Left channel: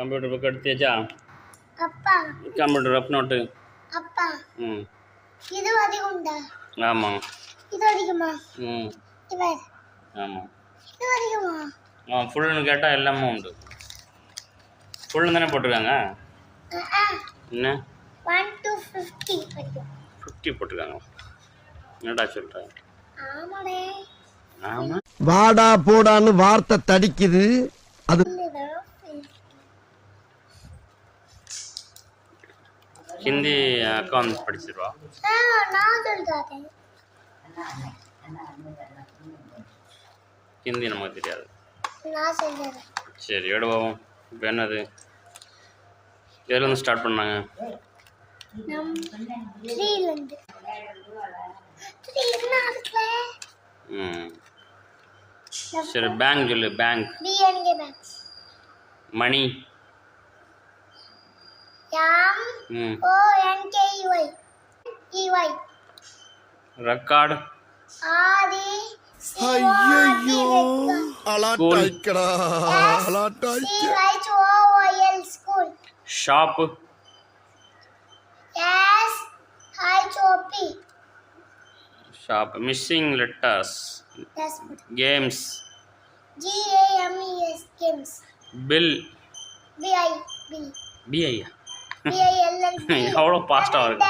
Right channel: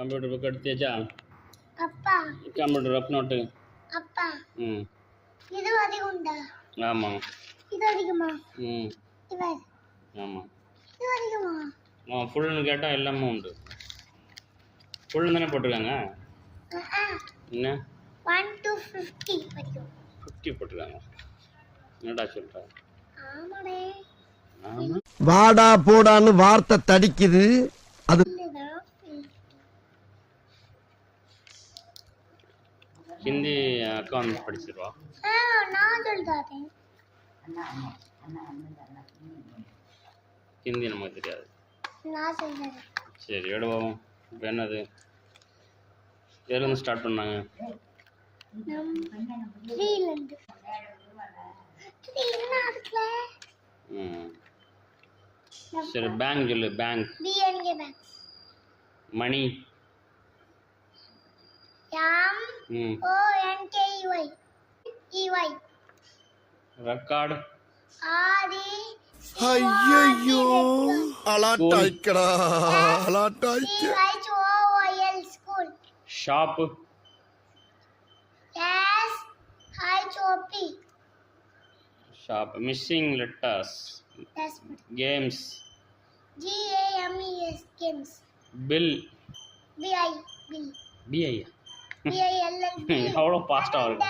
computer book எடுத்தியாச்சா அப்பா computer rough note அப்பா இது அதிகம்டா ஆமா இது அதிகமா இது ஆமா இது அதிகமா ஃபுல்னு கேட்டா எல்லாமே உண்டு ஃபுல் தானே போட்டுருக்காங்க என்ன 1 to 50 வரைக்கும் 50 போட்டுருக்காங்க என்னடா சொல்ற ஆமாடே ஆமா வாடா போடான்னு வார்த்தை தடிக்குது அது ஹிந்தி அக்கவுண்ட்ஸ் படிச்சிருவா நான் சொல்றேன் ஹிந்தி நமக்கு தெரியாது நான் சொல்றேன் சரி எடுவோம் இப்போ என்னது எதுல இருந்து ஸ்டார்ட் பண்ணாங்க நம் 3 ல இருந்து 3 நாட்ல சரி பேங்க் சொல்லு bank BNK bank money MONKEY EY record ஐயோ அலாட்டாய்க்கடா அலாட்டாய்க்க SCHOOL school shop SHOP shop missing letters games GAMES games bill BIL BI BILL எவ்வளோ ஃபாஸ்ட்டாக இருக்கு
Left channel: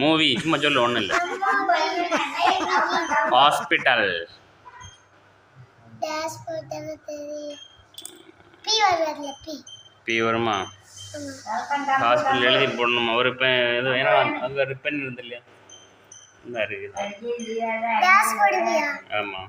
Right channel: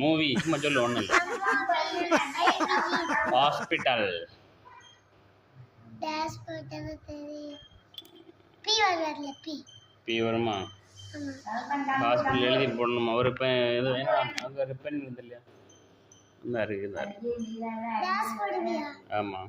மூவி சும்மா சொல்லு ஒன்றும் இல்லை ஹாஸ்பிட்டல் பி வருமா ஹாஸ்பிட்டல் எழுதி போடணுமா ஒரு இப்போ எது ஏன்னா அங்கே ரிப்பன் இருந்து இல்லையா இந்த இருக்குது ஆமாம்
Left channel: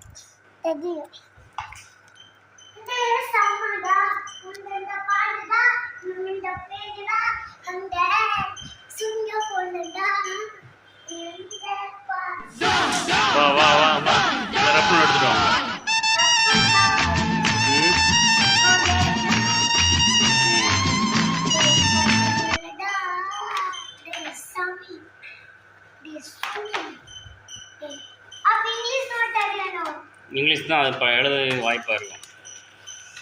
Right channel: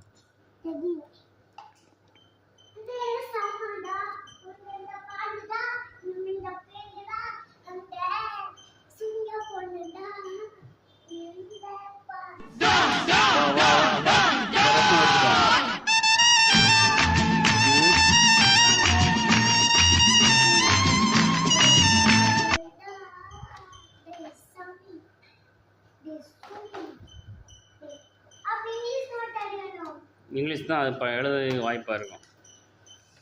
இங்கிலீஷ் தான் அது இப்போ எழுத வாய்ப்பாக இருக்கும்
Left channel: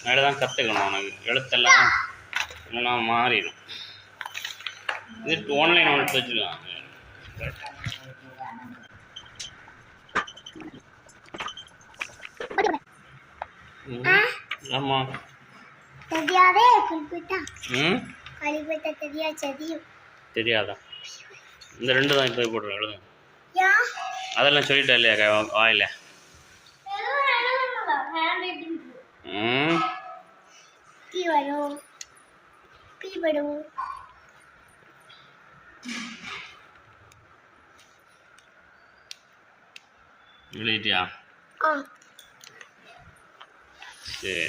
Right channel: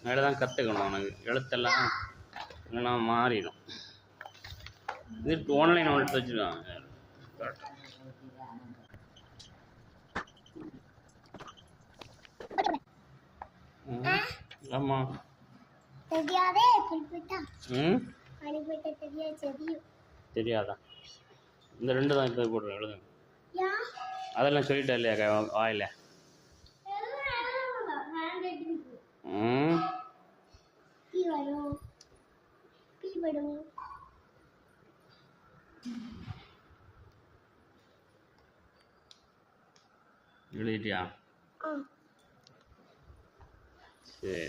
மேலே தான் கற்றுக்கணும் உனக்கு எழுத்தெல்லாம் இல்லைன்னா மாறிடும் இது ஆன்லைன் ஒன்று வச்சுருக்காங்க ஆமாம் தெரியாதா இந்த ரெண்டு தான் இப்போ போடுறேன் எழுதுங்க அதெல்லாம் சொல்லிட்டா இல்லையா வாயில எழுதிட்டியா சரி